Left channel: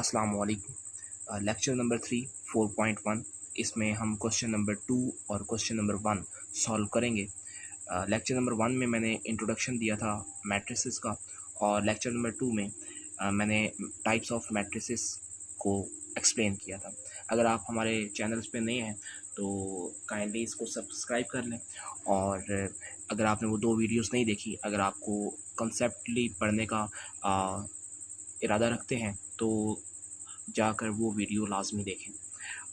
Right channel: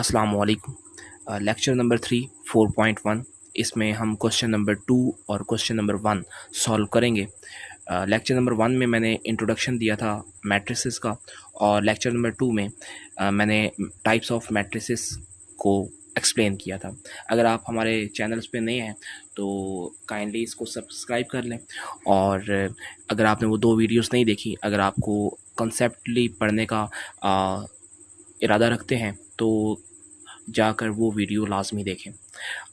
अस्सलाम वालेकुम। Lecture number 3 4.1 इसमें हम क्वेश्चन नंबर 2 और क्वेश्चन नंबर 1 सॉल्व करेंगे। लेक्चर नंबर 1 में मैंने इंट्रोडक्शन दिया था मैट्रिसेस का, और लेक्चर नंबर 2 में मैंने टाइप्स ऑफ मैट्रिसेस को एक्सप्लेन किया था। अगर आप हमारे चैनल्स पे नए हैं तो काइंडली इसको सब्सक्राइब कर लें, और अगर आपने वो 2 वीडियोस नहीं देखी, अगर आपको कंसेप्टली पढ़ने का इरादा रखते हैं तो जाकर वो वीडियो लाजमी देखें।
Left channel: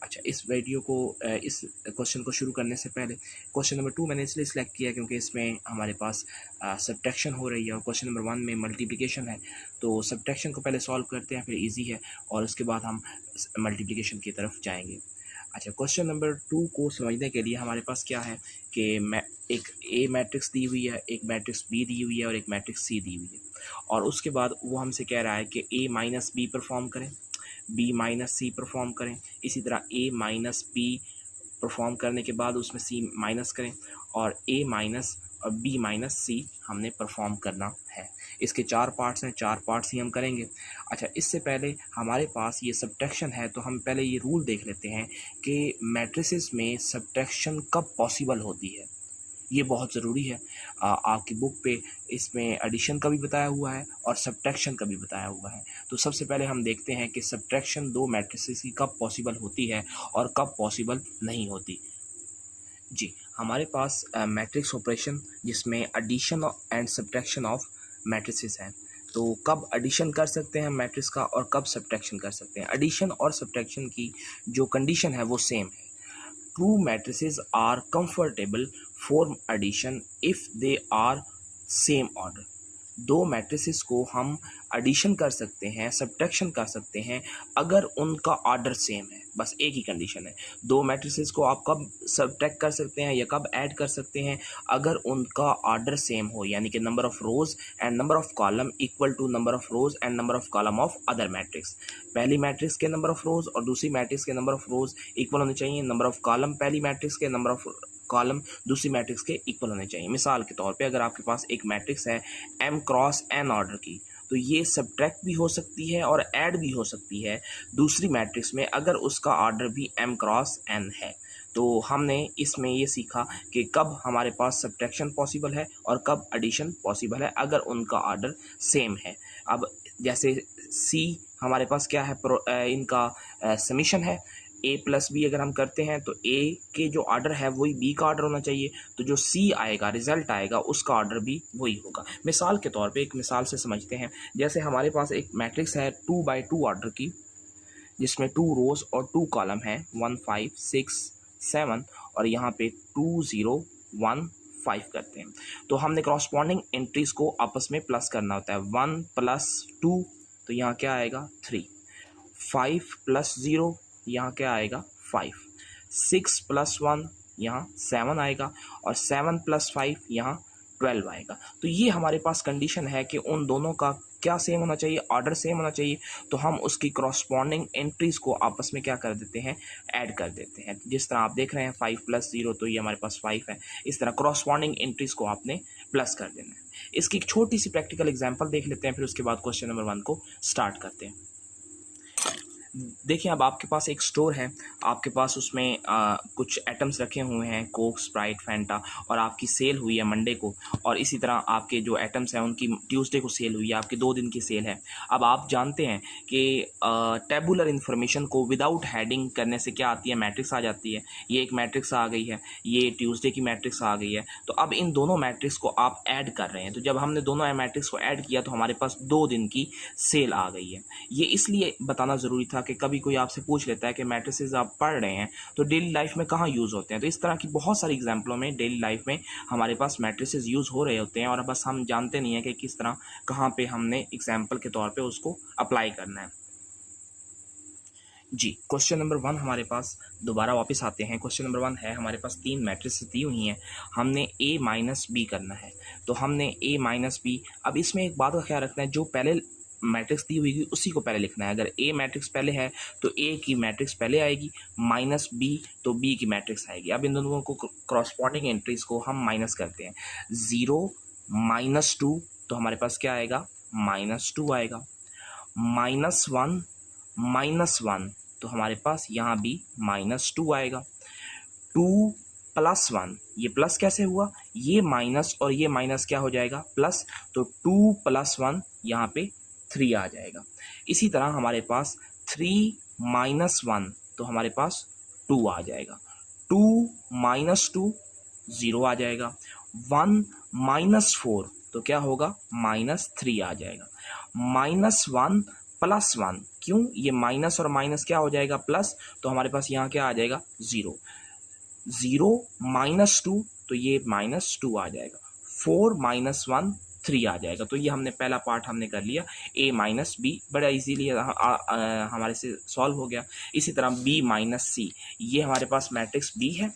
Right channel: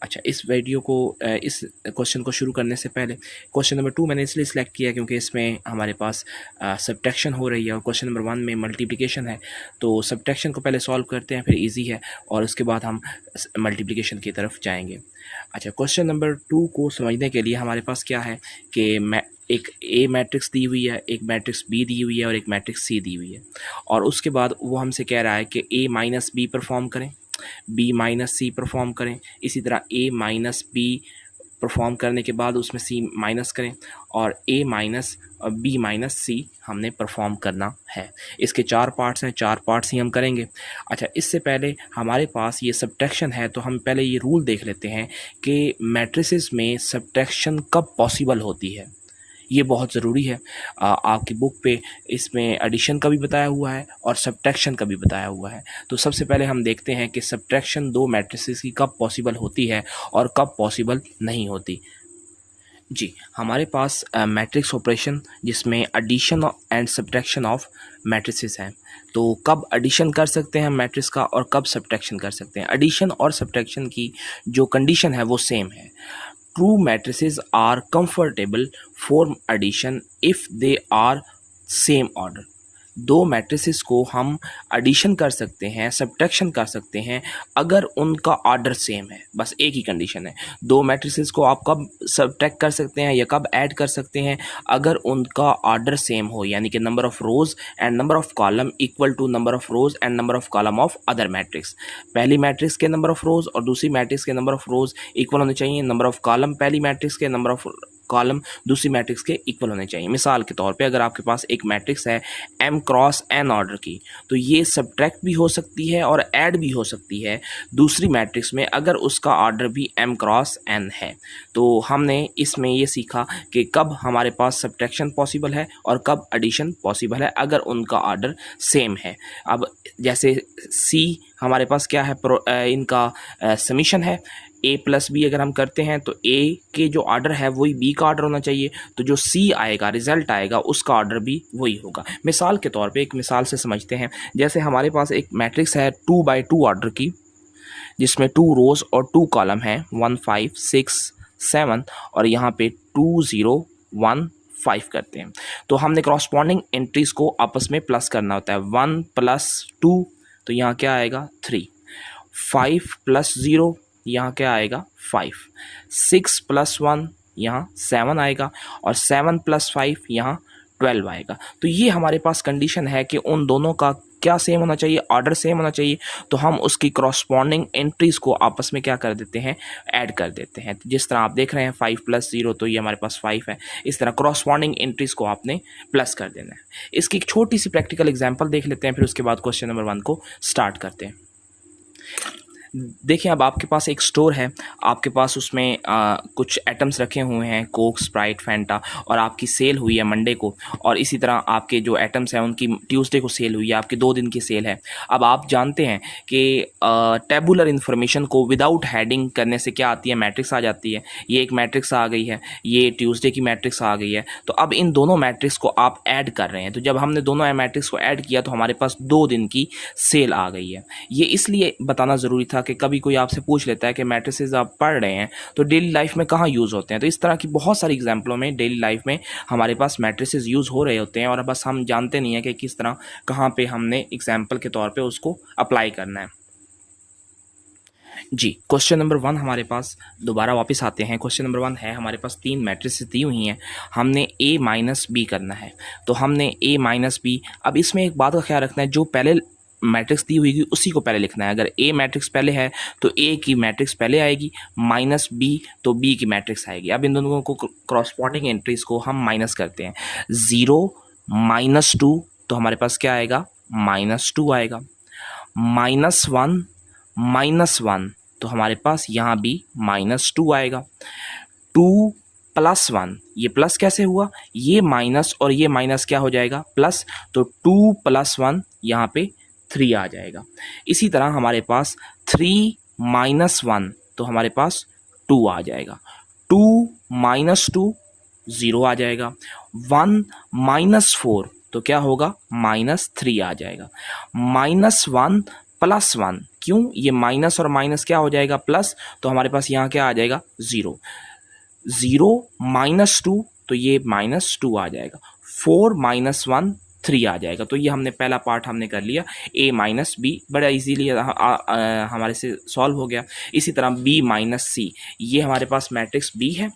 अच्छा, इस वीडियो को इस क्वेश्चन को शुरू करने से पहले क्वेश्चन नंबर 2 मैंने इसलिए सिलेक्ट किया क्योंकि इसमें हमारे पास सब्ट्रैक्शन हो रही है, और क्वेश्चन नंबर 1 में मल्टीप्लिकेशन है। तो सब्ट्रैक्शन को पहले सॉल्व करते हैं, फिर इजी है, और उसके बाद हम मल्टीप्लिकेशन की तरफ जाएंगे। अच्छा, क्वेश्चन नंबर 2 को समझने के लिए हमारे पास क्या है कि मैं एक ए मैट्रिक्स दी हुई है, एक मैट्रिक्स बी दी हुई है और एक मैट्रिक्स सी दी हुई है, और उसके बाद वो हमसे कह रहा है कि ए माइनस बी परफॉर्म करें, बी माइनस सी परफॉर्म करें, इसी तरह ए माइनस बी परफॉर्म करने के बाद उसमें सी माइनस करें, और ए माइनस बी माइनस सी हमने परफॉर्म करना है। इसके 4 पार्ट्स हैं, 4 पार्ट्स ही हम करेंगे। अच्छा, इससे पहले हमारे पास ये सब्ट्रैक्शन है, तो हम पहले ये रूल देख लेते हैं कि मैट्रिसेस में सब्ट्रैक्शन कब पॉसिबल होती है। ये बहुत ज़रूरी है। आपकी बुक पे इसमें एडिशन का भी बताया हुआ है और सब्ट्रैक्शन का भी बताया हुआ है। तो सबसे पहले हम देखते हैं कि सब्ट्रैक्शन 2 मैट्रिसेस की कब पॉसिबल होती है और कब पॉसिबल नहीं होती। जी, हमारे पास मैट्रिक्स ऑपरेशन जिसमें addition and subtraction of matrices हैं। तो कब एडिशन कर सकते हैं मैट्रिक्स का और कब सब्ट्रैक्शन कर सकते हैं। एडिशन और सब्ट्रैक्शन की जो कंडीशन है वो सेम है। True matrices are comfortable for addition if they are same order। दो मैट्रिसेस को हम एडिशन कर सकते हैं, सब्ट्रैक्शन कर सकते हैं अगर उनका ऑर्डर सेम है। बस एक ही कंडीशन है। दो मैट्रिसेस को आप कब सब्ट्रैक्ट कर सकते हैं या कब ऐड कर सकते हैं, अगर उनका ऑर्डर सेम हो, यानी कि number of rows and number of column equal to number of rows and number of column of other matrix. पहली मैट्रिक्स के नंबर ऑफ रोज और दूसरी मैट्रिक्स के नंबर ऑफ रोज इक्वल होने चाहिए। नंबर ऑफ कॉलम पहली matrix के number of column दूसरी मैट्रिक्स के इक्वल होने चाहिए। मिसाल के तौर पे अगर आपके पास एक मैट्रिक्स है m क्रॉस n ऑर्डर की, तो ये सब्ट्रैक्ट भी हो सकती है और ऐड भी हो सकती है दूसरी मैट्रिक्स में अगर उसका ऑर्डर भी m क्रॉस n है। तो हमने इसमें ये सीखा कि कब हमारे पास सब्ट्रैक्शन पॉसिबल है और कब एडिशन पॉसिबल है अगर उनका ऑर्डर सेम है। अब जैसे c हमारे पास क्या है, इनका समीशन है। a प्लस बी अगर हम करते हैं तो a के जो ऑर्डर है वही b का ऑर्डर होना चाहिए, तो जो c आएगा, रिजल्ट आएगा, उसका ऑर्डर भी वही होगा। मिसाल के तौर पे एक मिसाल से समझते हैं। जैसे हमारे पास एक मैट्रिक्स है 2x2 ऑर्डर की, जिसमें 2 रोज और 2 कॉलम हैं 1 5 6 7, और यहाँ पे 2 0 1 5 करते हैं। तो हमने क्रॉसपॉन्डिंग एंट्रीज को आपस में प्लस करना होता है। 1 + 2 तो यहाँ क्या आएगा 3, 5 + 0 यहाँ क्या आएगा 5, 6 + 1 यहाँ 7 आएगा, और 7 + 5 यहाँ 12 आएगा। तो ये हमारे पास कंडीशन है कि उन दोनों का क्या सेम होना चाहिए, ऑर्डर सेम होना चाहिए। तो हम उसकी क्रॉसपॉन्डिंग एंट्रीज को आपस में क्या कर देते हैं, ऐड कर देते हैं। जिस तरह आप देख रहे हैं 5 + 0 तो ये हमारे पास 5 है। इस तरह क्रॉसपॉन्डिंग एंट्रीज को आपने प्लस कर देना है। इसकी एक छोटी सी प्रैक्टिकल एग्जाम्पल देख लेते हैं, फिर उसके बाद क्वेश्चन नंबर 1 को स्टार्ट करते हैं। देखिए, अब आपके पास एक स्टोर है, आपके पास उसमें कुछ आइटम्स रखे हुए हैं, कोक, स्प्राइट, फैंटा, और आपकी सेल हुई है मंडे को, और इसी तरह आपके जो आइटम्स हैं उनकी ट्यूसडे को सेल हुई है, आपकी 2 दिन की सेल है। अब आप जानते हैं कि टेबुलर इन्फॉर्मेशन को विदाउट हेडिंग करने से क्या आती है, मैट्रिक्स आ जाती है। ये एक मैट्रिक्स आ गई है, ये ट्यूसडे की मैट्रिक्स आ गई है। तो अब इन दोनों मैट्रिक्स को आप ऐड कर रहे हैं। तो जब हमने दोनों मैट्रिक्स को ऐड किया तो हमारे पास 2 दिन की सेल आ गई है। ये इसलिए बताना ज़रूरी था कि कभी कोई आपसे पूछ लेता है कि मैट्रिसेस आप पढ़ रहे हैं तो डेली लाइफ में कहाँ यूज़ होते हैं। तो इस तरह की बहुत सारी एग्जाम्पलों में डेली लाइफ में हमारे पास मैट्रिसेस यूज़ हो रहे होते हैं, और बस हम जानते नहीं हैं कि किस तरह कहाँ पे हमने एग्जाम्पल के तौर पे उसको अप्लाई करना है। जी, क्वेश्चन नंबर 1 हमारे पास दोबारा वापस आते हैं। क्वेश्चन नंबर 1 है, हमारे पास 3 मैट्रिसेस दी हुई हैं, हमने a माइनस बी करना है। तो हमने a माइनस बी, अब इसमें एक बात का ख्याल रखना है, जो पहले मैट्रिक्स दी हुई उसी को पहले लिखना है। अगर a मैट्रिक्स पहले है तो a की मैट्रिक्स पहले आएगी, माइनस b तो b की मैट्रिक्स आएगी। अब इन दोनों को क्रॉसपॉन्डिंग एंट्रीज को हम माइनस करते हैं। 0 -2 तो हमारे पास क्या आएगा, -2 आएगा। -1 -1 तो हमारे पास यहाँ भी -2 आएगा। 2 + 1, ये प्लस कैसे हुआ, ये माइनस और ये माइनस क्या हो जाएगा प्लस, तो 2 + 1 यहाँ पे 3 आ जाएगा। इसी तरह हमारे पास 3 - 1 तो हमारे पास 2 आ जाएगा। 2 - 2 0 आ जाएगा। 1 - 4 तो क्या होगा -3 आ जाएगा। -1 + 1, क्यों, ये माइनस और माइनस क्या हो जाएगा प्लस, तो हमारे पास यहाँ क्या आ जाएगा 0। 0 - 2 तो ये -2 आ जाएगा। 4 - 1 3 आ जाएगा। तो ये हमने पहला पार्ट हमने कर लिया, a - b बड़ा इजीली हमारे से सॉल्व हो गया। इसी तरह b - c, ये हमारे पास मैट्रिक्स b है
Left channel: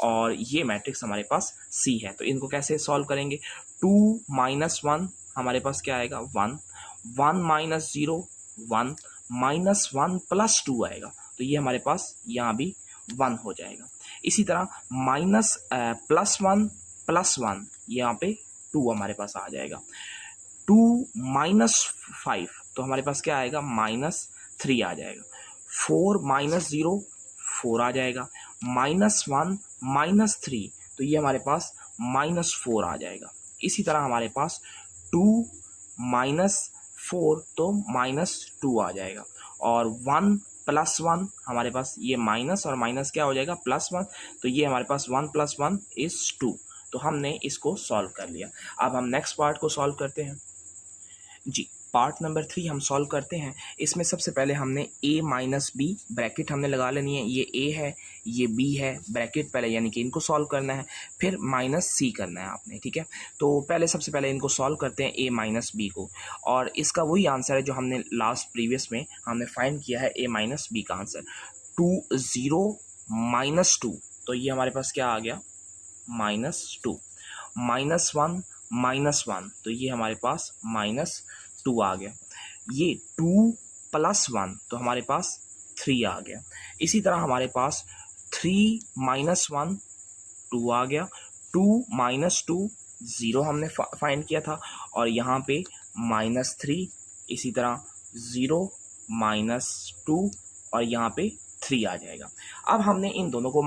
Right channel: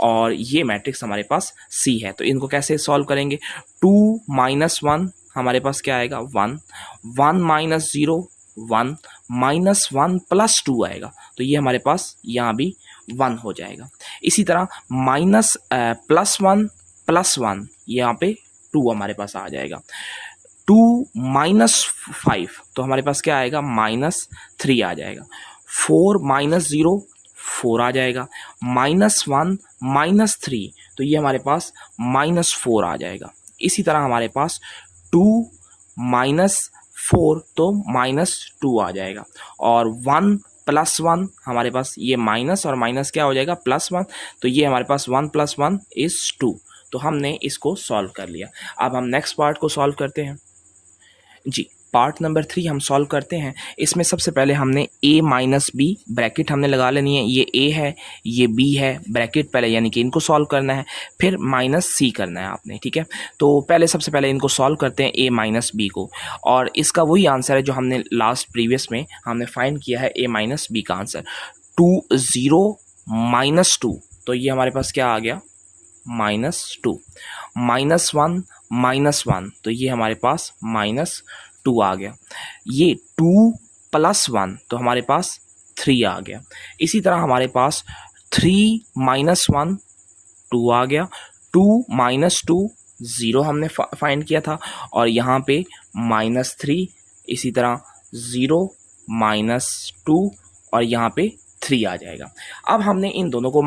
और ये मैट्रिक्स हमारे पास c है। तो इनको कैसे सॉल्व करेंगे, 2 - 1 हमारे पास क्या आएगा 1, 1 - 0 1, -1 + 2 आएगा। तो ये हमारे पास यहाँ भी 1 हो जाएगा। इसी तरह +1 + 1 यहाँ पे 2 हमारे पास आ जाएगा। 2 - 5 तो हमारे पास क्या आएगा -3 आ जाएगा। 4 - 0 4 आ जाएगा। -1 - 3 तो ये हमारे पास -4 आ जाएगा। इसी तरह हमारे पास 2 - 4 तो -2 आ जाएगा। और 1 + 1 हमारे पास ये माइनस और माइनस क्या हो जाएगा +1, तो ये हमारे पास 1 + 1 = 2। तो हमने इसको सॉल्व कर लिया। अब हम नेक्स्ट पार्ट को सॉल्व करते हैं। जी, पार्ट नंबर 3 हम सॉल्व करते हैं। इसमें सबसे पहले हमने a - b ब्रैकेट हमने लगा लेनी है। ये a है, ये b है, ब्रैकेट पहले यानी कि इनको सॉल्व करना है, फिर -c करना है आपने, ठीक है। तो पहले सबसे पहले इनको सॉल्व करते हैं a - b को, और इसका वही आंसर है जो हमने लास्ट प्रीवियस में हमने फाइंड किया है, a - b का आंसर 2 0 - 2 तो ये हमारे पास क्या आ गया -2, -1 - 1 तो ये हमारे पास -2 आ गया। ये 2 + 1 तो हमारे पास 3 आ गया। इसी तरह हमारे पास 3 - 1 2 आ गया। 2 - 2 0 हमने फाइंड किया था, और यहाँ पे -3, इसी तरह 0 - 2 और यहाँ पे 3 आ जाएगा। अब हमने इन दोनों को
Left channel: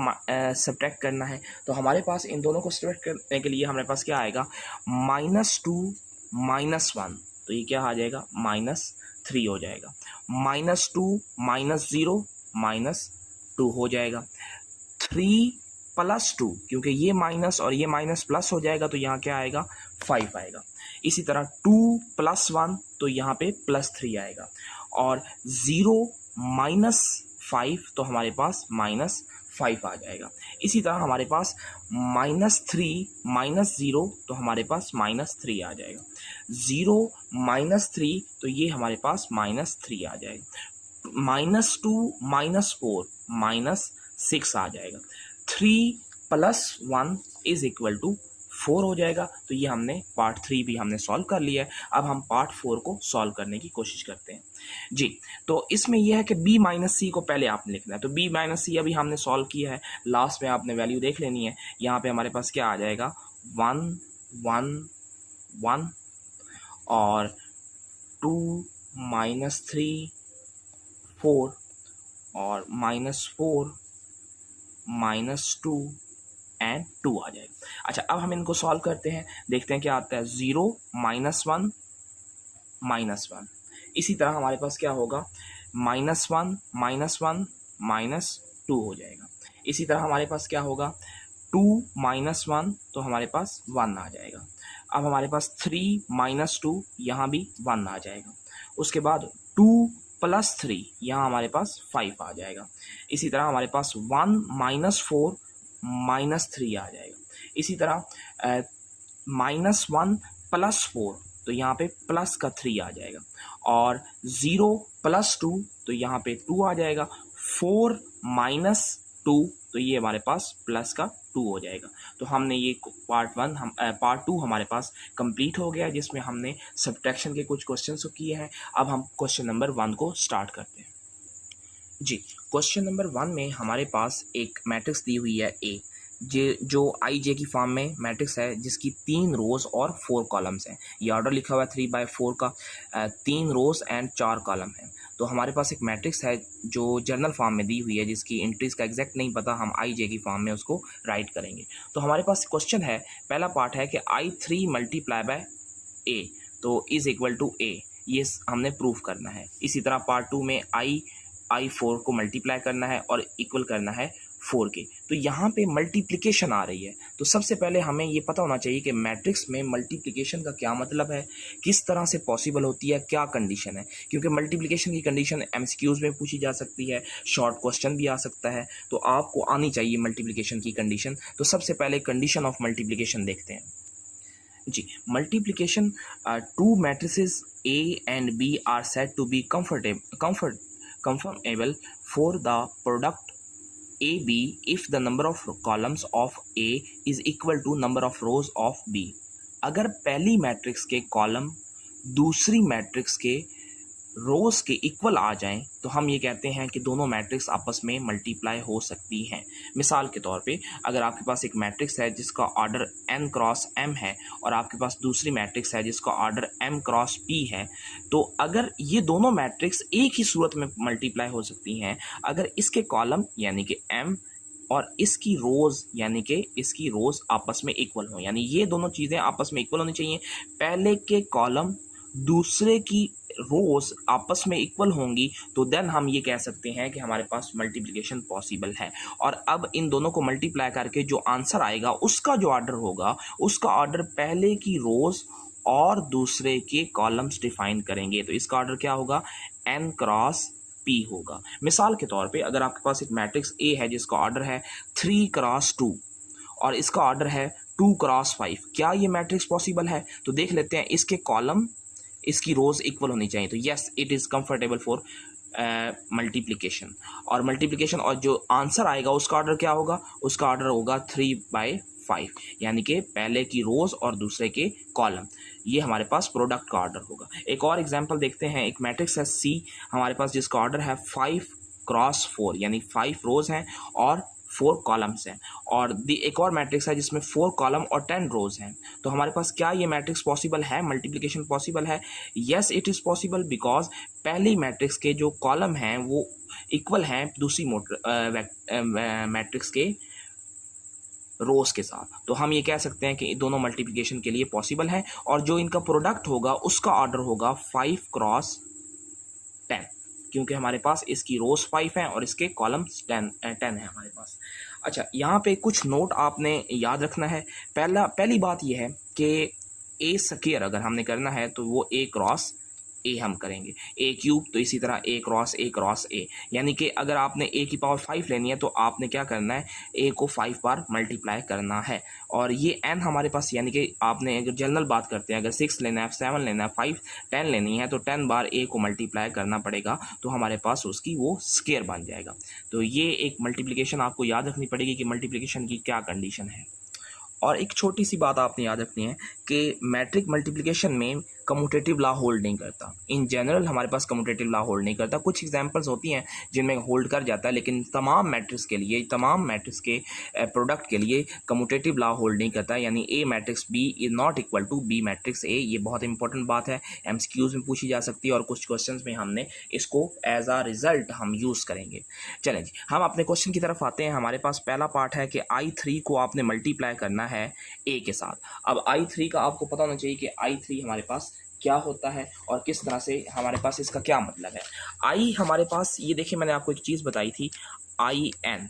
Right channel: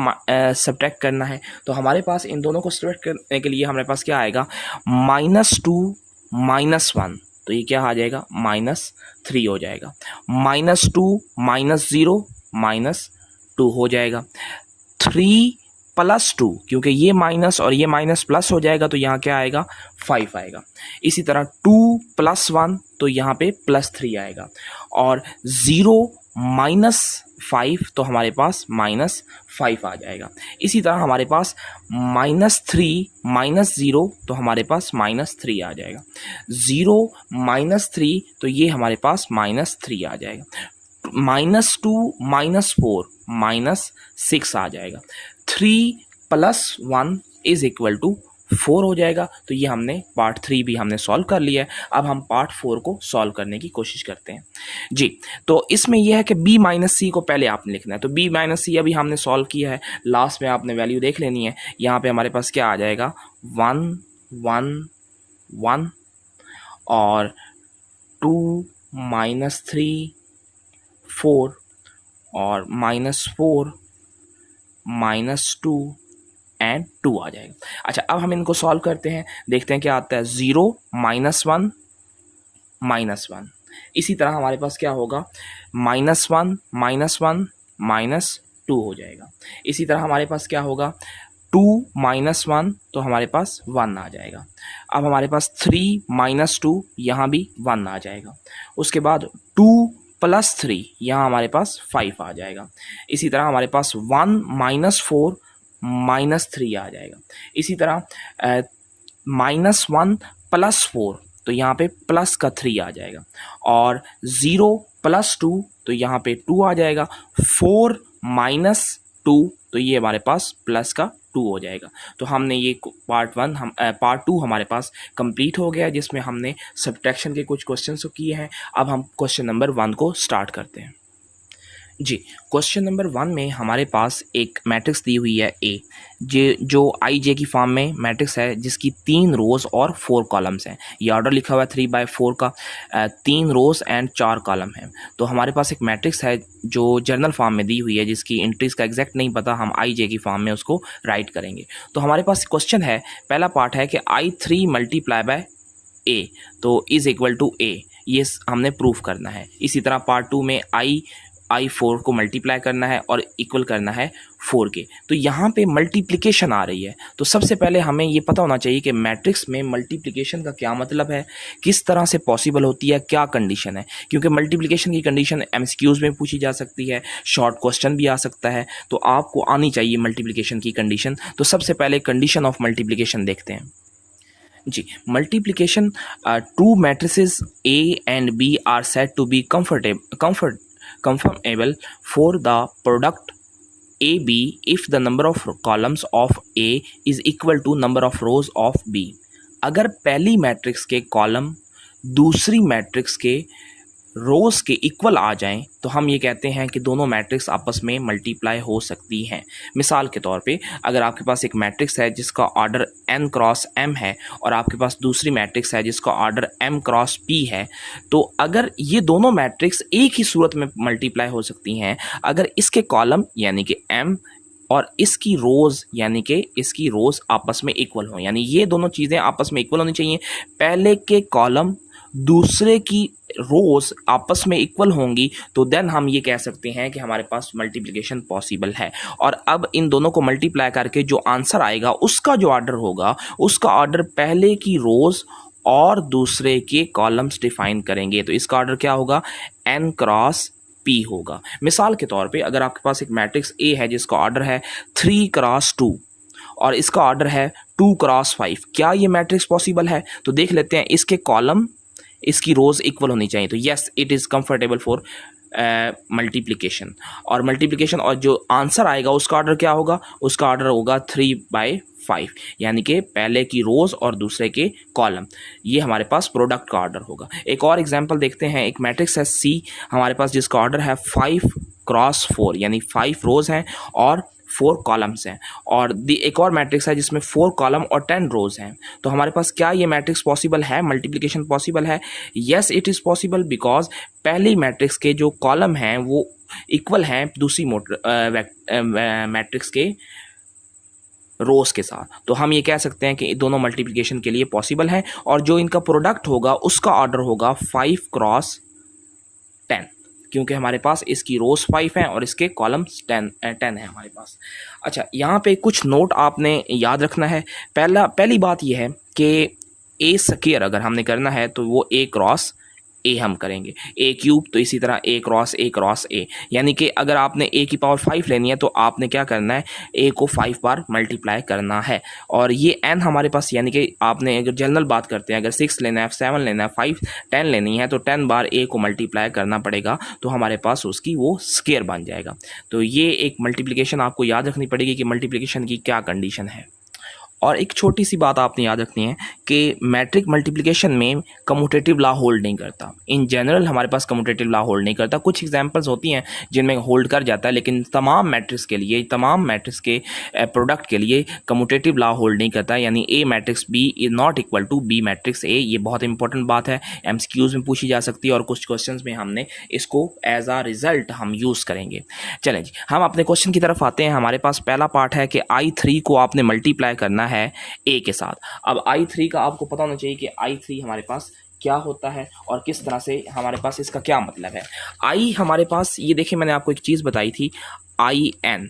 सब्ट्रैक्ट करना है, तो हमारे पास इन दोनों को सब्ट्रैक्ट करने के लिए हमारे पास क्या आएगा -2 - 1 तो ये क्या आ जाएगा -3 हो जाएगा। -2 - 0 -2 हो जाएगा। 3 + 2 क्योंकि ये माइनस और ये माइनस प्लस हो जाएगा, तो यहाँ क्या आएगा 5 आएगा। इसी तरह 2 + 1 तो यहाँ पे +3 आएगा। और 0 - 5 तो हमारे पास -5 आ जाएगा। इसी तरह हमारे पास -3 - 0 तो हमारे पास -3 आ जाएगा। 0 - 3 तो ये हमारे पास -3 आ जाएगा। -2 - 4 -6 आ जाएगा। 3 + 1 = 4 हो जाएगा। तो ये हमने पार्ट 3 भी हमने सॉल्व कर लिया है। अब हम पार्ट 4 को सॉल्व करने की कोशिश करते हैं। जी, तो इसमें यह है कि b - c को पहले आपने लिखना है। तो b - c अभी हमने सॉल्व किया है, लास्ट में आपने वैल्यू देख लेनी है। यहाँ पे हमारे पास क्या आ जाएगा 1 1 1 और 2 - 3 4 और -4 -2 एंड 2 आ जाएगा। अच्छा, अब हम इनको सॉल्व करते हैं, देखते हैं क्या आता है। 0 - 1 -1, इसी तरह हमारे पास क्या होगा -1 -1 -2 हो जाएगा। इसी तरह हमारे पास क्या होगा 2 - 1 तो हमारे पास 1 आ जाएगा। अब हमारे पास 3 - 2 यहाँ भी 1 आ जाएगा। उसके बाद 2 + 3 यहाँ हमारे पास 5 आ जाएगा। इसी तरह हमारे पास 1 - 4 -3 आ जाएगा। इसी तरह -1 + 4 तो यहाँ पे प्लस का 3 आ जाएगा। और 0 + 2 तो यहाँ पे 2 आ जाएगा। 4 - 2 तो ये हमारे पास प्लस का 2 हो जाएगा। तो हमने ये पार्ट 2 हमारे पास कंप्लीट हो गया, जिसमें हमने सब्ट्रैक्शन के कुछ क्वेश्चन किए हैं। अब हम क्वेश्चन नंबर 1 को स्टार्ट करते हैं। जी, क्वेश्चन नंबर 1 में हमारे पास एक मैट्रिक्स दी हुई है ए, जो आई जे की फॉर्म में मैट्रिक्स है जिसकी 3 रोज़ और 4 कॉलम्स हैं। ये ऑर्डर लिखा हुआ है 3/4 का, 3 रोज़ एंड 4 कॉलम हैं। तो हमारे पास एक मैट्रिक्स है जो जर्नल फॉर्म में दी हुई है, जिसकी एंट्रीज़ का एग्जैक्ट नहीं पता, हम आई जे की फॉर्म में उसको राइट करेंगे। तो हमारे पास क्वेश्चन है, पहला पार्ट है कि I3 मल्टीप्लाई बाय ए, तो इज़ इक्वल टू ए, ये हमने प्रूफ करना है। इसी तरह पार्ट 2 में I4 को मल्टीप्लाई करना है और इक्वल करना है 4 के। तो यहाँ पे मल्टीप्लिकेशन आ रही है, तो सबसे पहले हमें ये पता होना चाहिए कि मैट्रिक्स में मल्टीप्लिकेशन का क्या मतलब है, किस तरह से पॉसिबल होती है, क्या कंडीशन है। क्योंकि मल्टीप्लिकेशन की कंडीशन एमसीक्यूज़ में पूछी जा सकती है, शॉर्ट क्वेश्चन भी आ सकता है, तो आपको आनी चाहिए मल्टीप्लिकेशन की कंडीशन। तो सबसे पहले कंडीशन ऑफ मल्टीप्लिकेशन देखते हैं। जी, multiplication, two matrices A and B are said to be conformable for the product A B if the number of columns of A is equal to number of rows of B. अगर पहली matrix के column दूसरी matrix के रोज़ के equal आ जाएं तो हम ये कहते हैं कि दोनों मैट्रिक्स आपस में मल्टीप्लाई हो सकती हैं। मिसाल के तौर पे, अगर आपके पास एक मैट्रिक्स है जिसका ऑर्डर n क्रॉस m है और आपके पास दूसरी मैट्रिक्स है जिसका ऑर्डर m क्रॉस p है, तो अगर ये दोनों मैट्रिक्स एक ही सूरत में मल्टीप्लाई हो सकती हैं अगर इसके कॉलम यानी कि m और इसकी रोज़ यानी कि इसकी रोज़ आपस में इक्वल हो, यानी ये दोनों चीज़ें आपस में इक्वल होनी चाहिए। पहले के कॉलम दूसरे की रोज़ आपस में इक्वल होंगी तो देन हम ये कह सकते हैं कि हमारे पास मल्टीप्लिकेशन पॉसिबल है। और अब इन दोनों को मल्टीप्लाई करके जो आंसर आएगा उसका जो ऑर्डर होगा, उसका ऑर्डर पहले की रोज़ और दूसरे के कॉलम्स डिफाइन करेंगे। तो इसका ऑर्डर क्या होगा, n क्रॉस p होगा। मिसाल के तौर पे, अगर आपके पास एक मैट्रिक्स A है जिसका ऑर्डर है 3 क्रॉस 2 और इसका ऑर्डर है 2 क्रॉस 5, क्या ये मैट्रिक्स पॉसिबल है? तो देख लेते हैं, इसके कॉलम इसकी रोज़ इक्वल होनी चाहिए। तो yes, it is comfortable for multiplication. और मल्टीप्लिकेशन और जो आंसर आएगा उसका ऑर्डर क्या होगा, उसका ऑर्डर होगा 3/5, यानी कि पहले की रोज़ और दूसरे के कॉलम, ये हमारे पास प्रोडक्ट का ऑर्डर होगा। एक और एग्जांपल देखते हैं, एक मैट्रिक्स है C हमारे पास जिसका ऑर्डर है 5 क्रॉस 4, यानी 5 रोज़ हैं और 4 कॉलम्स हैं। और एक और मैट्रिक्स है जिसमें 4 कॉलम और 10 रोज हैं। तो हमारे पास क्या ये मैट्रिक्स पॉसिबल है, मल्टीप्लिकेशन पॉसिबल है? Yes, it is possible, because पहली मैट्रिक्स के जो कॉलम हैं वो इक्वल हैं दूसरी मैट्रिक्स के रोज़ के साथ। तो हम ये कह सकते हैं कि दोनों मल्टीप्लिकेशन के लिए पॉसिबल हैं। और जो इनका प्रोडक्ट होगा उसका ऑर्डर होगा 5 क्रॉस 10, क्योंकि हमारे पास इसकी रोज़ 5 हैं और इसके कॉलम्स 10 है हमारे पास। अच्छा, यहाँ पे कुछ नोट आपने याद रखना है। पहली बात यह है कि ए स्क्वायर अगर हमने करना है तो वो ए क्रॉस ए हम करेंगे, ए क्यूब तो इसी तरह ए क्रॉस ए, यानी कि अगर आपने ए की पावर 5 लेनी है तो आपने क्या करना है, ए को 5 बार मल्टीप्लाई करना है। और ये एन हमारे पास, यानी कि आपने अगर जनरल बात करते हैं, अगर 6 लेना है, 7 लेना है, 5 10 लेनी है तो 10 बार ए को मल्टीप्लाई करना पड़ेगा, तो हमारे पास उसकी वो स्क्वायर बन जाएगा। तो ये एक मल्टीप्लिकेशन आपको याद रखनी पड़ेगी कि मल्टीप्लिकेशन की क्या कंडीशन है। और एक छोटी सी बात आपने याद रखनी है कि मैट्रिक मल्टीप्लिकेशन में कम्यूटेटिव लॉ होल्ड नहीं करता। इन जनरल हमारे पास कम्यूटेटिव लॉ होल्ड नहीं करता। कुछ एग्जांपल्स होती हैं जिनमें होल्ड कर जाता है, लेकिन तमाम मैट्रिक्स के लिए, तमाम मैट्रिक्स के प्रोडक्ट के लिए कम्यूटेटिव लॉ होल्ड नहीं करता। यानी A matrix B is not equal to B matrix A. ये बहुत इंपॉर्टेंट बात है, एमसीक्यूज में पूछी जा सकती है और कुछ क्वेश्चन में हमने इसको एज आ रिजल्ट हम यूज़ करेंगे। चलें जी, हम अपने क्वेश्चन की तरफ आते हैं। हमारे पास पहला पार्ट है कि I3 को आपने मल्टीप्लाई करना है ए के साथ। अब I3 का आपको पता होना चाहिए कि I3 हमारे पास क्या होता है और किस तरह से हमारे पास इसका क्या मतलब है। आई हमारे पास, ये देखिए मैंने आपको एक चीज़ बताई थी, IN,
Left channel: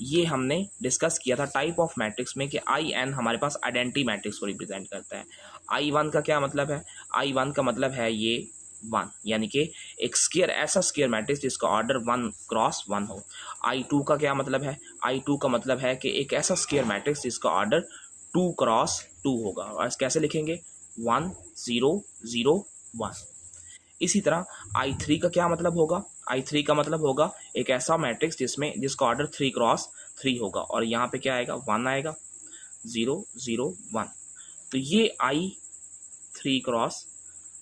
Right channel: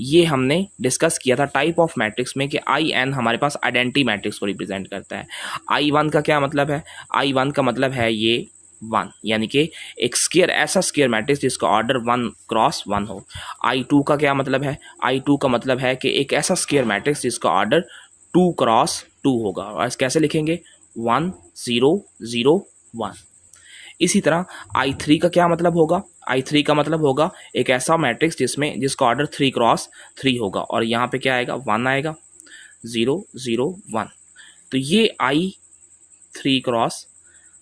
ये हमने डिस्कस किया था टाइप ऑफ मैट्रिक्स में कि IN हमारे पास आइडेंटिटी मैट्रिक्स को रिप्रेजेंट करता है। I1 का क्या मतलब है, I1 का मतलब है ये 1, यानी कि एक स्क्वायर, ऐसा स्क्वायर मैट्रिक्स जिसका ऑर्डर 1 क्रॉस 1 हो। I2 का क्या मतलब है, I2 का मतलब है कि एक ऐसा स्क्वायर मैट्रिक्स जिसका ऑर्डर 2 क्रॉस 2 होगा। और कैसे लिखेंगे, 1 0 0 1। इसी तरह I3 का क्या मतलब होगा, I3 का मतलब होगा एक ऐसा मैट्रिक्स जिसका ऑर्डर 3 क्रॉस 3 होगा। और यहाँ पे क्या आएगा, 1 आएगा, 0 0 1। तो ये I3 क्रॉस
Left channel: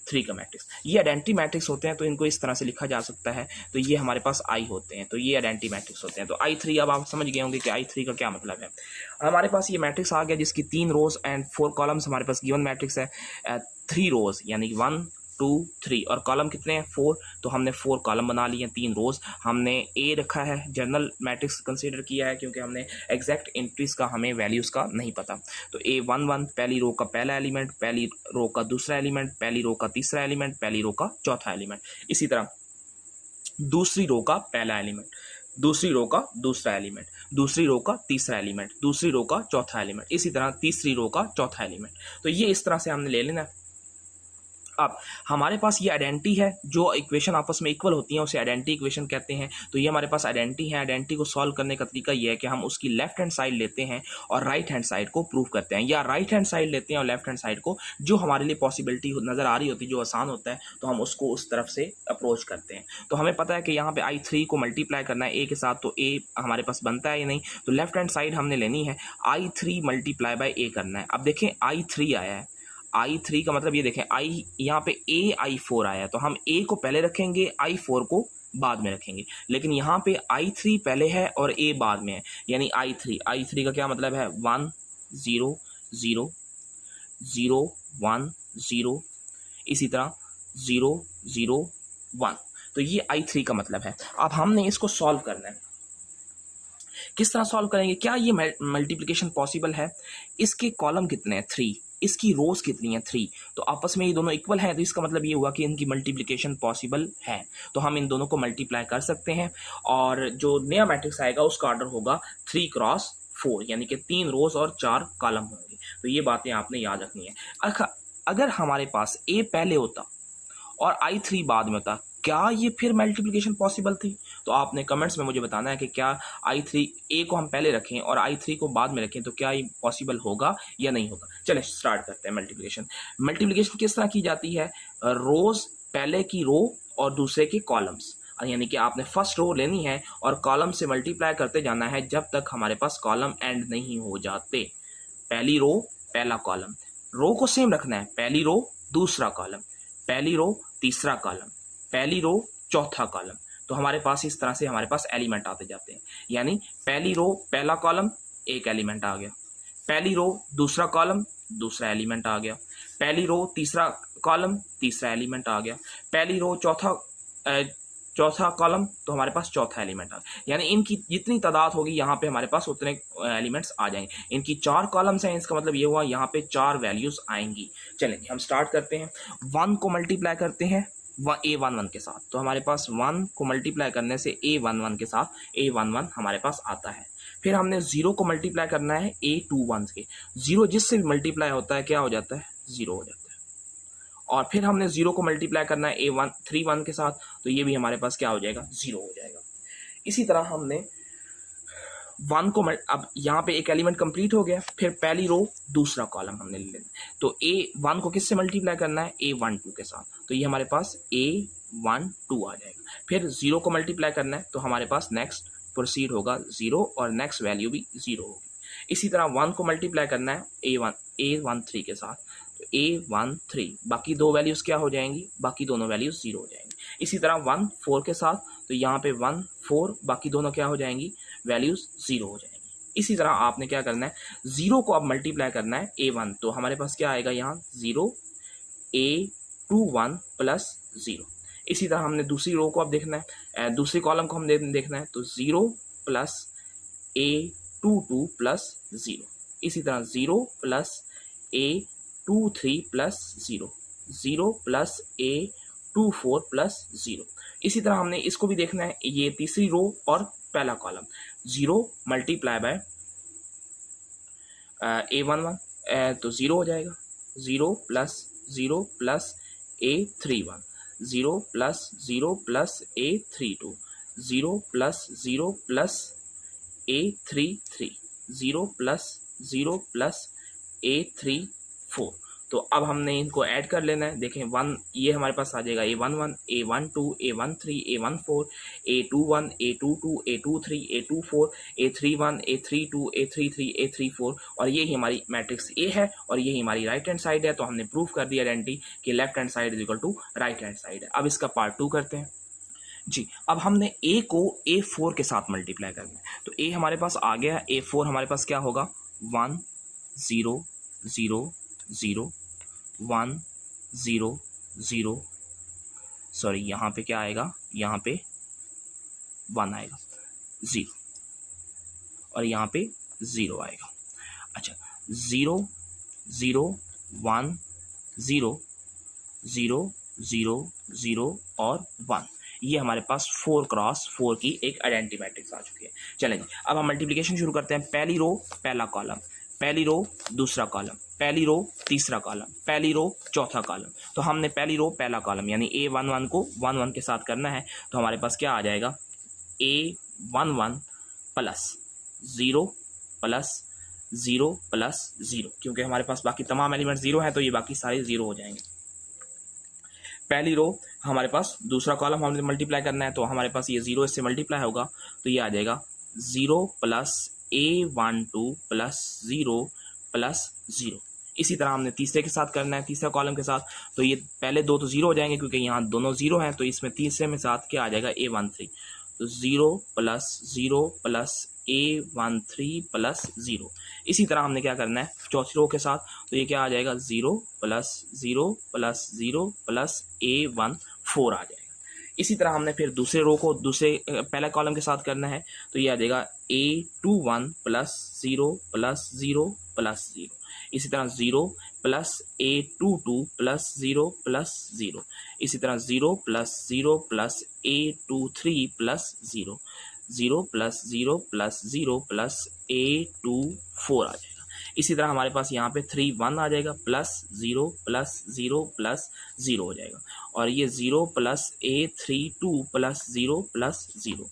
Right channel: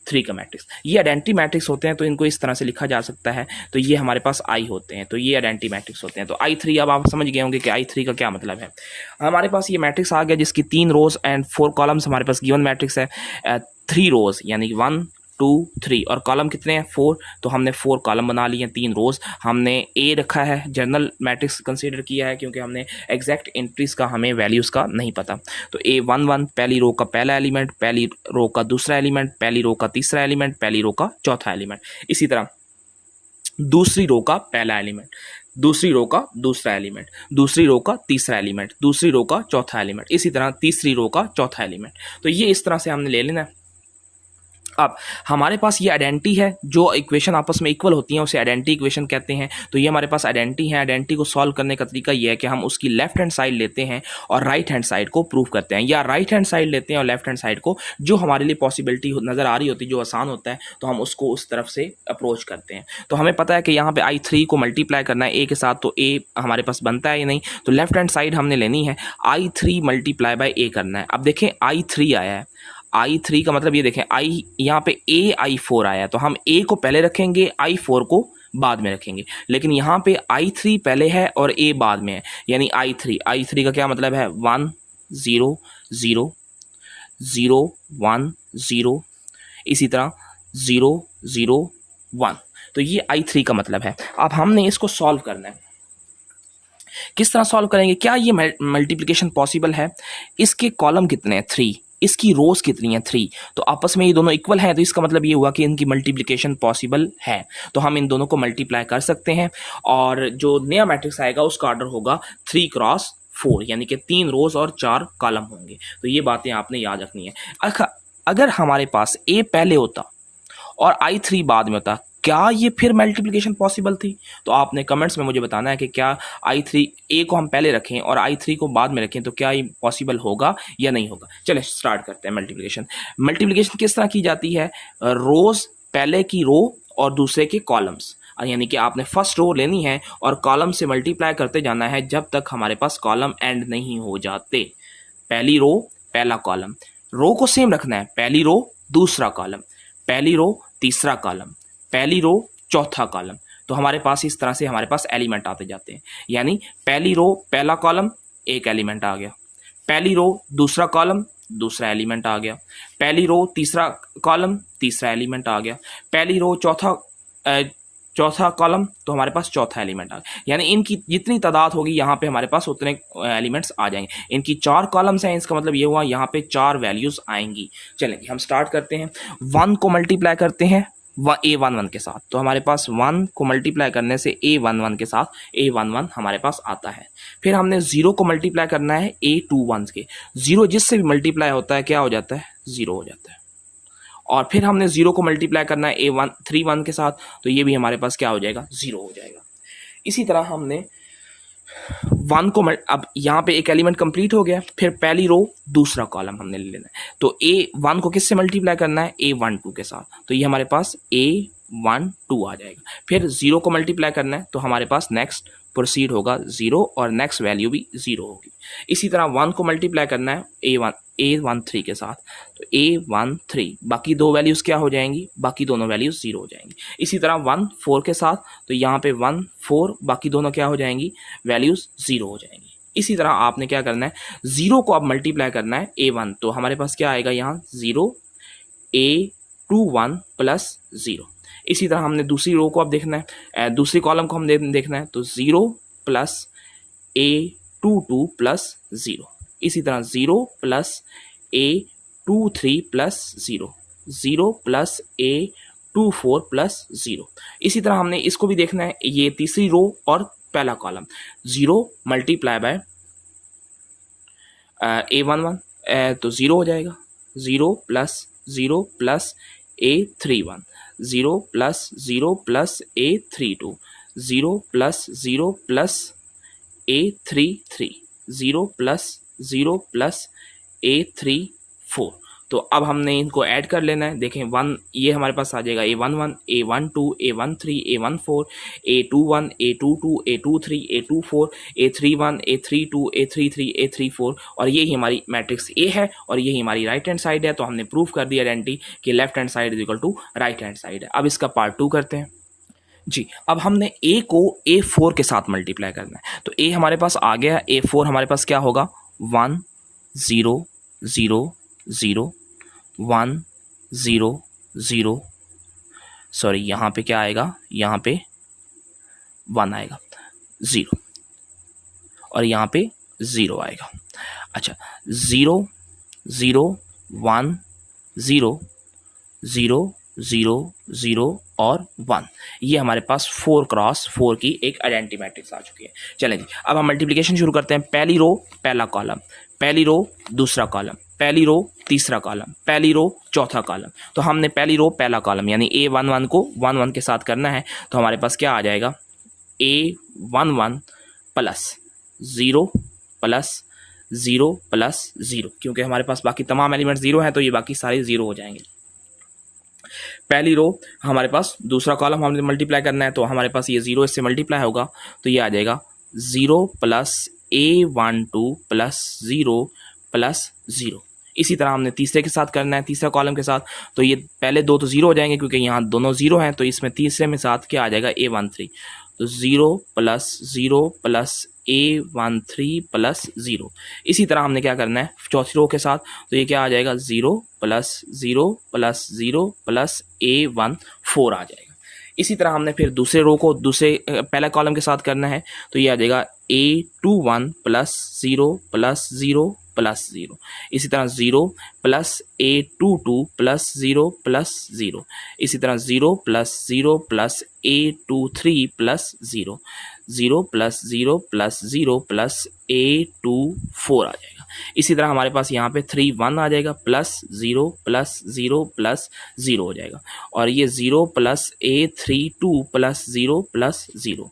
3 का मैट्रिक्स। ये आइडेंटिटी मैट्रिक्स होते हैं तो इनको इस तरह से लिखा जा सकता है। तो ये हमारे पास आई होते हैं, तो ये आइडेंटिटी मैट्रिक्स होते हैं। तो I3, अब आप समझ गए होंगे कि I3 का क्या मतलब है। हमारे पास ये मैट्रिक्स आ गया जिसकी 3 रोज एंड 4 कॉलम्स हमारे पास गिवन मैट्रिक्स है। 3 रोज यानी कि 1 2 3 और कॉलम कितने हैं 4, तो हमने 4 कॉलम बना लिए, 3 रोज। हमने ए रखा है, जनरल मैट्रिक्स कंसीडर किया है क्योंकि हमने एग्जैक्ट एंट्रीज का हमें वैल्यूज़ का नहीं पता। तो A11 पहली रो का पहला एलिमेंट, पहली रो का दूसरा एलिमेंट, पहली रो का तीसरा एलिमेंट, पहली रो का चौथा एलिमेंट। इसी तरह दूसरी रो का पहला एलिमेंट, दूसरी रो का दूसरा एलिमेंट, दूसरी रो का तीसरा एलिमेंट, दूसरी रो का चौथा एलिमेंट, इसी तरह तीसरी रो का चौथा एलिमेंट। तो ये इस तरह से हमने ले लेना है। अब हमारे पास ये आइडेंटिटी है, जो इक्वेशन आपस में इक्वल होती हैं उसे आइडेंटिटी इक्वेशन कहते हैं। तो ये हमारे पास आइडेंटिटी है। आइडेंटिटी को सॉल्व करने का तरीका ये है कि हम उसकी लेफ्ट हैंड साइड लेते हैं और राइट हैंड साइड को प्रूव करते हैं, या राइट हैंड साइड लेते हैं और लेफ्ट हैंड साइड को, जो हमारे लिए पॉसिबिलिटी नज़र आ रही होती है, जो आसान होता है, तो हम उसको उस तरफ से अप्रोच करते हैं। तो हमें पता है कि यहाँ पे I3 को मल्टीप्लाई करना है ए के साथ, तो ए हमारे पास बनता है या नहीं, तो लेफ्ट हैंड साइड हमने लेनी है, I3 मल्टीप्लाई बाय ए करना है। अब देखें I3 आया है, I3 का मतलब ये देखें आई यहाँ पे I4 आया, तो हम A को पहले रखेंगे, I4 को बाद में रखेंगे। लेकिन यहाँ पे I3 पहले है और A बाद में है, यानी I3 का क्या मतलब है 1 0 0 0 1 0, इसी तरह 0 0 1। तो ये I3 का मतलब है। अब हमने इसको सॉल्व करना है। किस तरह सॉल्व करेंगे? क्या ये मल्टीप्लिकेशन पॉसिबल है? इसके कॉलम कितने हैं 3, इसकी रोज कितनी है 3, तो आपस में ये दोनों इक्वल हैं, तो इसका मतलब ये हुआ कि इनकी मल्टीप्लिकेशन पॉसिबल है। तो हम इन दोनों को मल्टीप्लाई कर सकते हैं और जो नया मैट्रिक्स आएगा उसका ऑर्डर होगा 3 क्रॉस 4, यानी कि 3 रोज और 4 कॉलम होंगे। तो ये बातें आपने याद रखनी है। अगर हमारे पास ए पहले होता और I3 बाद में होता, क्या ये फिर मल्टीप्लिकेशन पॉसिबल थी? तो आपने कमेंट्स में मुझे बताना है कि क्या I3 ए को हम पहले रखें और I3 को बाद में रखें तो क्या ये पॉसिबल होगा या नहीं होगा। चलिए स्टार्ट करते हैं मल्टीप्लिकेशन। मल्टीप्लिकेशन किस तरह की जाती है? रोज पहले की रो और दूसरे के कॉलम्स, यानी कि आपने फर्स्ट रो लेनी है और कॉलम से मल्टीप्लाई करते जाना है जब तक हमारे पास कॉलम एंड नहीं हो जाते। पहली रो पहला कॉलम, रो को सेम रखना है, पहली रो दूसरा कॉलम, पहली रो तीसरा कॉलम, पहली रो चौथा कॉलम। तो हमारे पास इस तरह से हमारे पास एलिमेंट आते जाते हैं, यानी पहली रो पहला कॉलम एक एलिमेंट आ गया, पहली रो दूसरा कॉलम दूसरा एलिमेंट आ गया, पहली रो तीसरा कॉलम तीसरा एलिमेंट आ गया, पहली रो चौथा कॉलम, तो हमारे पास चौथा एलिमेंट आ गया। यानी इनकी जितनी तादाद होगी यहाँ पे हमारे पास उतने एलिमेंट्स आ जाएंगे। इनकी 4 कॉलम्स हैं, इसका मतलब ये हुआ यहाँ पे 4 वैल्यूज आएंगी। चलेंगे हम स्टार्ट करते हैं। 1 को मल्टीप्लाई करते हैं A11 के साथ, तो हमारे पास 1 को मल्टीप्लाई करने से A11 के साथ A11 हमारे पास आता है। फिर हमने 0 को मल्टीप्लाई करना है A21 के, 0 जिससे भी मल्टीप्लाई होता है क्या हो जाता है 0 हो जाता है। और फिर हमने 0 को मल्टीप्लाई करना है A31 के साथ, तो ये भी हमारे पास क्या हो जाएगा 0 हो जाएगा। इसी तरह हमने 1 को अब यहाँ पे एक एलिमेंट कंप्लीट हो गया, फिर पहली रो दूसरा कॉलम हमने ले लेना है, तो A1 को किससे मल्टीप्लाई करना है A12 के साथ, तो ये हमारे पास A12 आ जाएगा। फिर 0 को मल्टीप्लाई करना है तो हमारे पास नेक्स्ट प्रोसीड होगा 0 और नेक्स्ट वैल्यू भी 0 होगी। इसी तरह 1 को मल्टीप्लाई करना है A13 के साथ, तो A13, बाकी दो वैल्यूज़ क्या हो जाएंगी, बाकी दोनों वैल्यूज़ 0 हो जाएंगी। इसी तरह 1 4 के साथ, तो यहाँ पे 1 4, बाकी दोनों क्या हो जाएंगी वैल्यूज़ 0 हो जाएंगी। इसी तरह आपने क्या करना है 0 को अब मल्टीप्लाई करना है A1, तो हमारे पास क्या आएगा यहाँ 0 A21 प्लस 0। इसी तरह हमने दूसरी रो को अब देखना है, दूसरी कॉलम को हम देखना है, तो 0 प्लस A22 प्लस 0। इसी तरह 0 plus A23 plus 0, 0 plus A24 plus 0। इसी तरह हमने इसको भी देखना है, ये तीसरी रो और पहला कॉलम, 0 मल्टीप्लाई बाय A11, तो 0 हो जाएगा, 0 plus A31, 0 plus A32, 0 plus A33, 0 plus A34। तो अब हमने इनको ऐड कर लेना है। देखें 1 ये हमारे पास आ जाएगा A11, A12, A13, A14, A21, A22, A23, A24, A31, A32, A33, A34 और यही हमारी मैट्रिक्स ए है और यही हमारी राइट हैंड साइड है। तो हमने प्रूव कर दिया आइडेंटिटी कि left hand side is equal to right hand side है। अब इसका पार्ट 2 करते हैं जी। अब हमने ए को A4 के साथ मल्टीप्लाई करना है। तो ए हमारे पास आ गया, A4 हमारे पास क्या होगा 1 0 0 0 1 0 0, सॉरी यहाँ पे क्या आएगा, यहाँ पे 1 आएगा 0 और यहाँ पे 0 आएगा। अच्छा 0 0 1 0 0 0 0 और 1, ये हमारे पास 4 क्रॉस 4 की एक आइडेंटिटी मैट्रिक्स आ चुकी है। चलें जी, अब हम मल्टीप्लिकेशन शुरू करते हैं। पहली रो पहला कॉलम, पहली रो दूसरा कॉलम, पहली रो तीसरा कॉलम, पहली रो चौथा कॉलम। तो हमने पहली रो पहला कॉलम यानी A11 को 1 1 के साथ करना है। तो हमारे पास क्या आ जाएगा A11 प्लस 0 प्लस 0 प्लस 0, क्योंकि हमारे पास बाकी तमाम एलिमेंट 0 हैं तो ये बाकी सारे 0 हो जाएंगे। पहली रो हमारे पास, दूसरा कॉलम हमने मल्टीप्लाई करना है तो हमारे पास ये 0 इससे मल्टीप्लाई होगा तो ये आ जाएगा 0 प्लस A12 प्लस 0 प्लस 0। इसी तरह हमने तीसरे के साथ करना है, तीसरा कॉलम के साथ। तो ये पहले दो तो 0 हो जाएंगे क्योंकि यहाँ दोनों 0 हैं, तो इसमें तीसरे में साथ क्या आ जाएगा A13। तो 0 प्लस 0 प्लस A13 प्लस 0। इसी तरह हमने क्या करना है चौथी रो के साथ, तो ये क्या आ जाएगा 0 प्लस 0 प्लस 0 प्लस A14 आ जाएगा। इसी तरह हमने फिर दूसरे रो को दूसरे पहला कॉलम के साथ करना है, तो ये आ जाएगा A21 प्लस 0 प्लस 0 प्लस 0। इसी तरह 0 प्लस A22 प्लस 0 प्लस 0। इसी तरह 0 plus 0 plus A23 plus 0, 0 plus 0 plus 0 plus A24 आ जाएगा। इसी तरह हमारे पास यहाँ पे 3 1 आ जाएगा प्लस 0 प्लस 0 प्लस 0 हो जाएगा और ये 0 plus A32 plus 0 plus 0,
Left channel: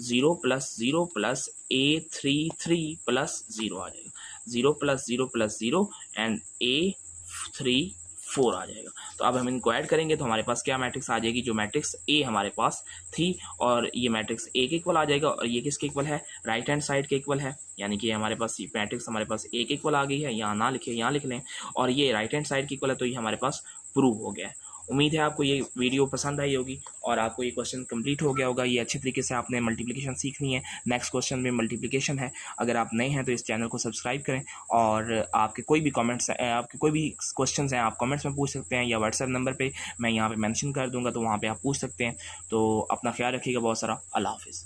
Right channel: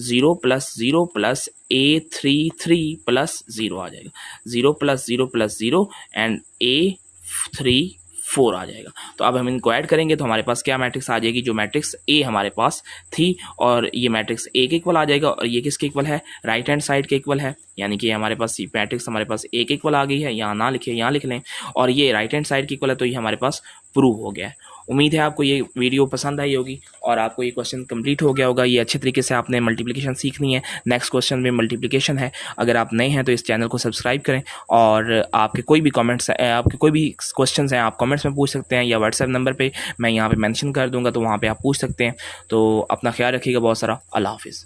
0 plus 0 plus A33 plus 0 आ जाएगा, 0 प्लस 0 प्लस 0 एंड A34 आ जाएगा। तो अब हम इनको ऐड करेंगे तो हमारे पास क्या मैट्रिक्स आ जाएगी, जो मैट्रिक्स A हमारे पास थी और ये मैट्रिक्स A के इक्वल आ जाएगा और ये किसके इक्वल है, राइट हैंड साइड के इक्वल है। यानी कि हमारे पास ये मैट्रिक्स हमारे पास A के इक्वल आ गई है, यहाँ ना लिखे यहाँ लिख लें, और ये राइट हैंड साइड के इक्वल है, तो ये हमारे पास प्रूव हो गया है। उम्मीद है आपको ये वीडियो पसंद आई होगी और आपको ये क्वेश्चन कंप्लीट हो गया होगा। ये अच्छे तरीके से आपने मल्टीप्लिकेशन सीखनी है। नेक्स्ट क्वेश्चन में मल्टीप्लिकेशन है। अगर आप नए हैं तो इस चैनल को सब्सक्राइब करें और आपके कोई भी कमेंट्स, आपके कोई भी क्वेश्चंस हैं आप कमेंट्स में पूछ सकते हैं या व्हाट्सएप नंबर पे मैं यहाँ पे मेंशन कर दूँगा, तो वहाँ पे आप पूछ सकते हैं। तो अपना ख्याल रखिएगा बहुत सारा। अल्लाह हाफिज़।